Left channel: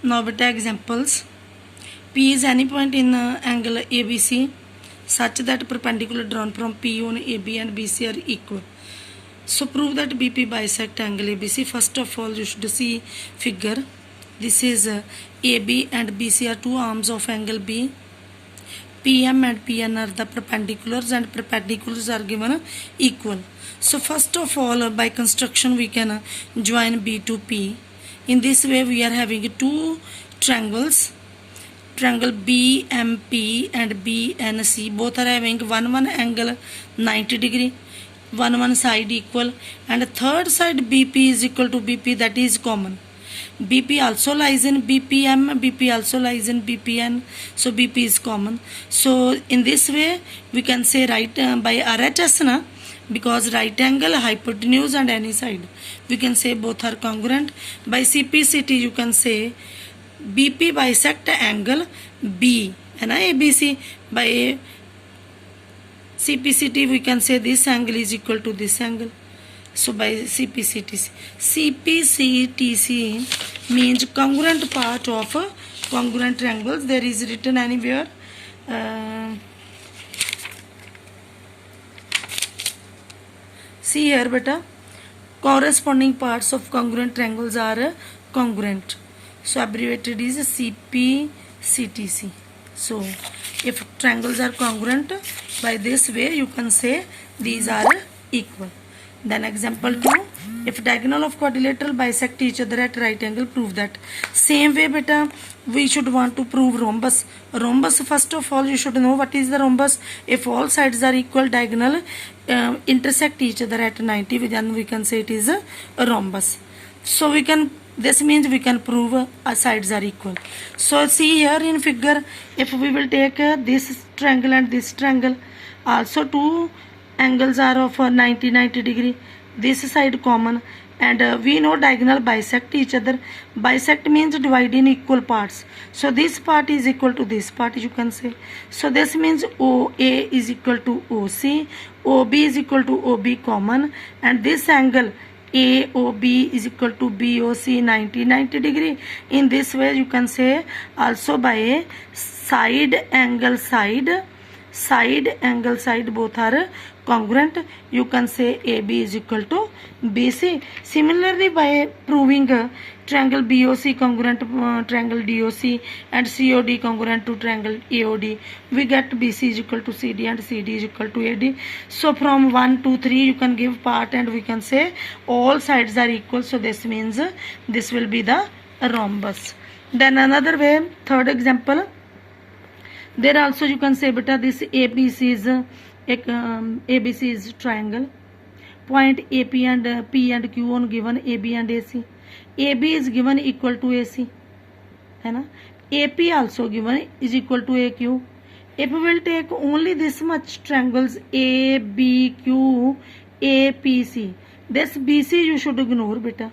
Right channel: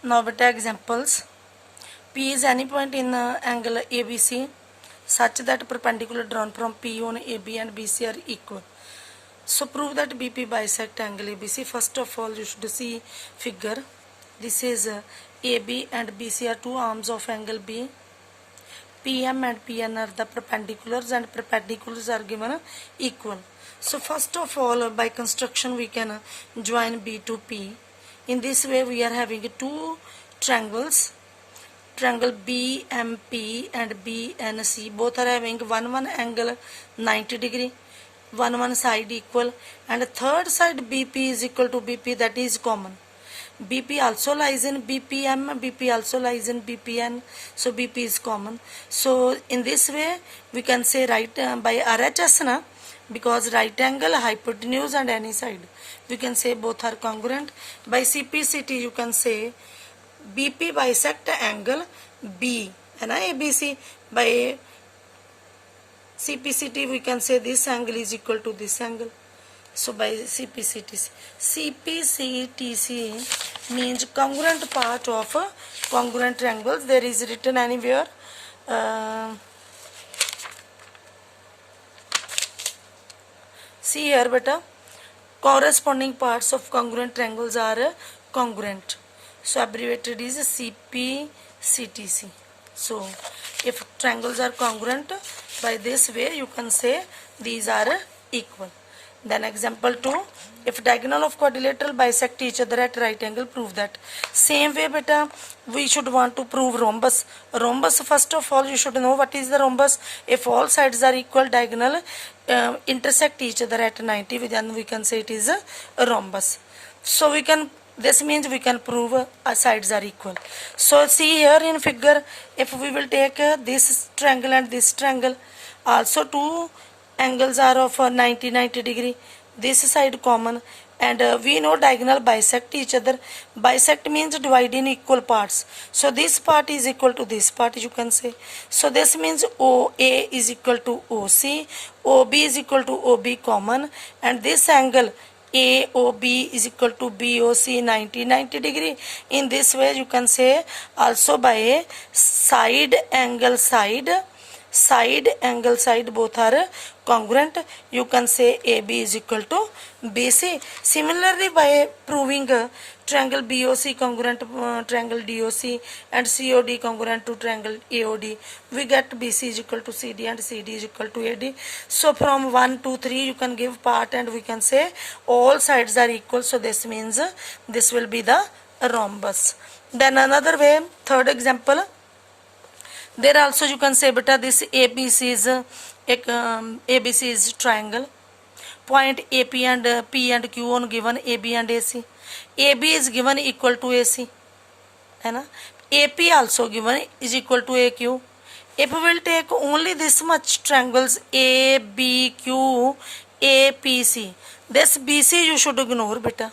Now beta examples. P is any point in angle ABC such that perpendicular drawn from P on AB and BC are equal. So prove that BP bisect angle ABC. First of all, you should see figure. This is AB and BC are two arms of angle B. PM and PN are the perpendiculars, and perpendiculars are given equal. So first of all, by construction we can join B to P. In this way we are having two triangles, triangle BMP and BNC. Both are having one angle 90 degree, one side equal, and third side BP is equal to BP, that is common. BP also lies in BPM, BP also lies in BPN, so BP is common. So in this way we can say right by RHS na, because right angle, hypotenuse and any side, we can say both are congruent. By CPCT you can say BP bisect angle B and ABC. By CPCT we can say this angle is equal to this angle. So by CPCTC means congruent part of congruent triangles. There is written anywhere see here beta, corresponding parts of congruent triangles are congruent. So abbreviated is CPCTC. So if triangles are congruent, by this way you can say these are equal. Then example 2, if diagonal of quadrilateral bisect each other at right angle, prove that. Same way beta, we should want to prove rhombus. Rhombus, first of all you should know what is the rhombus. If all sides are equal, diagonal intersect each other at 90, then we can say it is a rhombus. So we can, this means we can prove sides are equal. So see here in figure, if we will take this triangle and this triangle, also two angles are of 90 degree, this side common, and we know diagonal bisect each other. Bisect means divide in equal parts. So this part is equal to this part, you can say. So this means OA is equal to OC, OB is equal to OB common, and this angle AOB is equal to BOC 90 degree. In this way you can say also by side angle side both are congruent, you can say AB is equal to BC. Similarly, by proving triangle BOC congruent to triangle DOC and COD congruent to triangle AOD, we get BC is equal to CD and CD is equal to AD. So from 1, 2, 3 you can give part and we can say all sides are equal. So this means this will be the rhombus. Then another way, third example, there also you can say beta this ABC is triangle. Point AP and P and Q on given AB and AC. AB is given equal to AC. AP also given is equal to AQ. If we will take only this much triangles ABQ, APC, this BC you should ignore beta.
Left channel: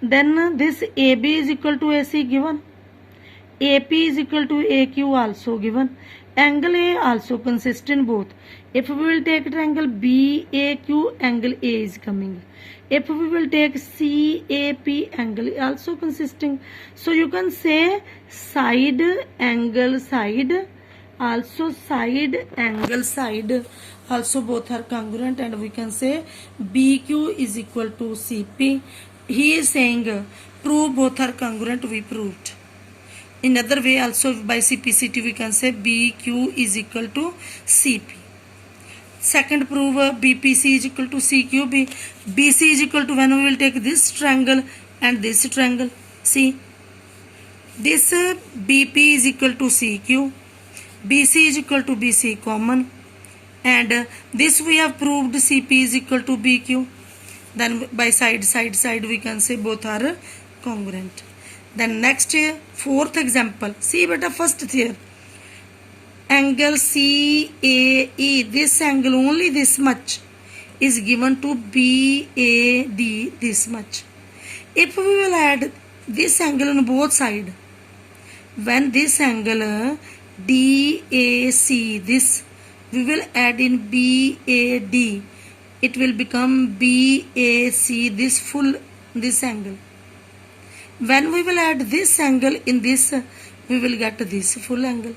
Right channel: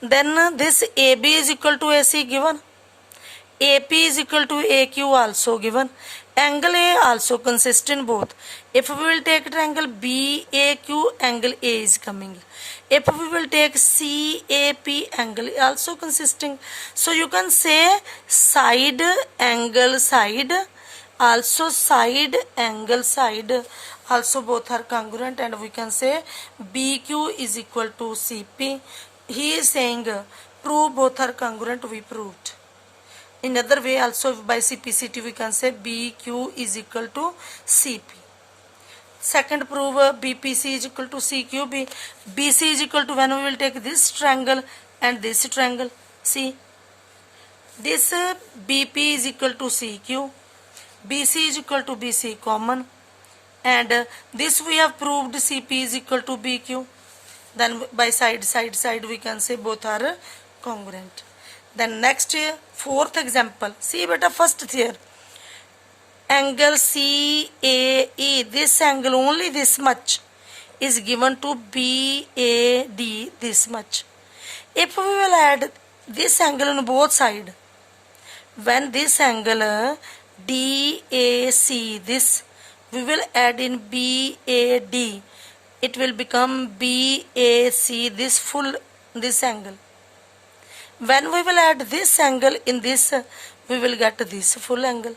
Then this AB is equal to AC given. AP is equal to AQ also given. Angle A also consists in both. If we will take triangle BAQ, angle A is coming. If we will take CAP, angle also consisting. So you can say side angle side, also side angle side, also both are congruent, and we can say BQ is equal to CP. He is saying prove both are congruent, we proved. In other way also by CPCT we can say BQ is equal to CP. Second prove BPC is equal to CQB. BC is equal to, when we will take this triangle and this triangle, see this BP is equal to CQ, BC is equal to BC common, and this we have proved CP is equal to BQ. Then by side we can say both are congruent. Then next fourth example, see beta first here, angle CAE, this angle only this much is given to BAD this much. If we will add this angle on both sides, when this angle DAC, this we will add in BAD, it will become BAC, this full, this angle. When we will add this angle in this, we will get this full angle.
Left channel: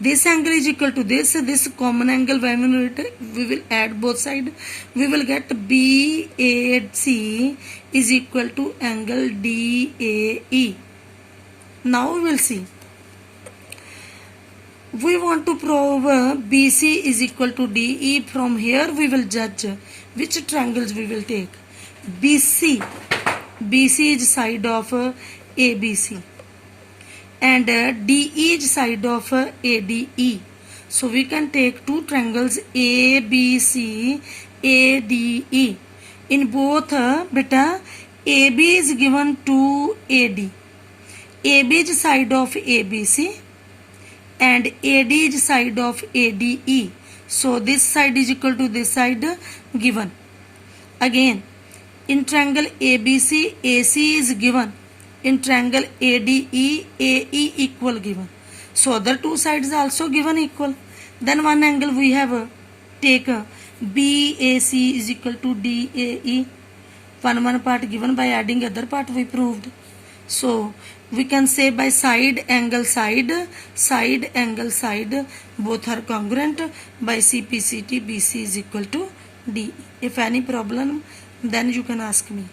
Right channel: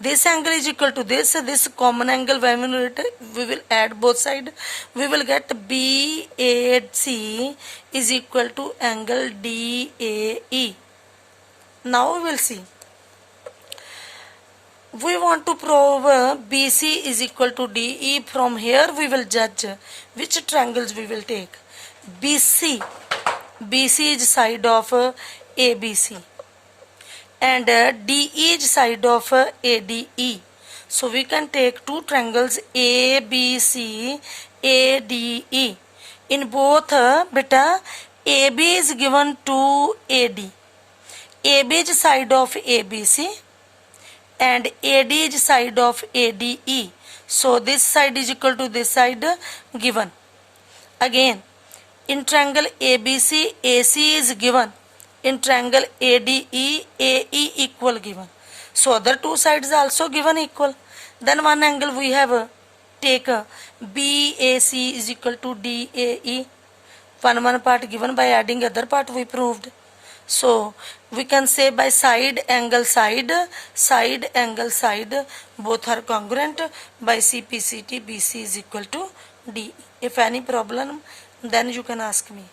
This angle is equal to this common angle. When we will add both sides, we will get BAC is equal to angle DAE. Now we will see. We want to prove BC is equal to DE. From here we will judge which triangles we will take. BC is side of ABC. And DE is side of ADE. So we can take two triangles ABC, ADE. In both, beta, AB is given to AD. AB is side of ABC and AD is side of ADE. So this side is equal to this side given. Again, in triangle ABC, AC is given. In triangle ADE, AE equal given. So other two sides also given equal. Then one angle we have take BAC is equal to DAE. One part given, by adding other part we proved. So we can say by side angle side angle side, both are congruent. By CPCT, BC is equal to DE. If any problem, then you can ask me.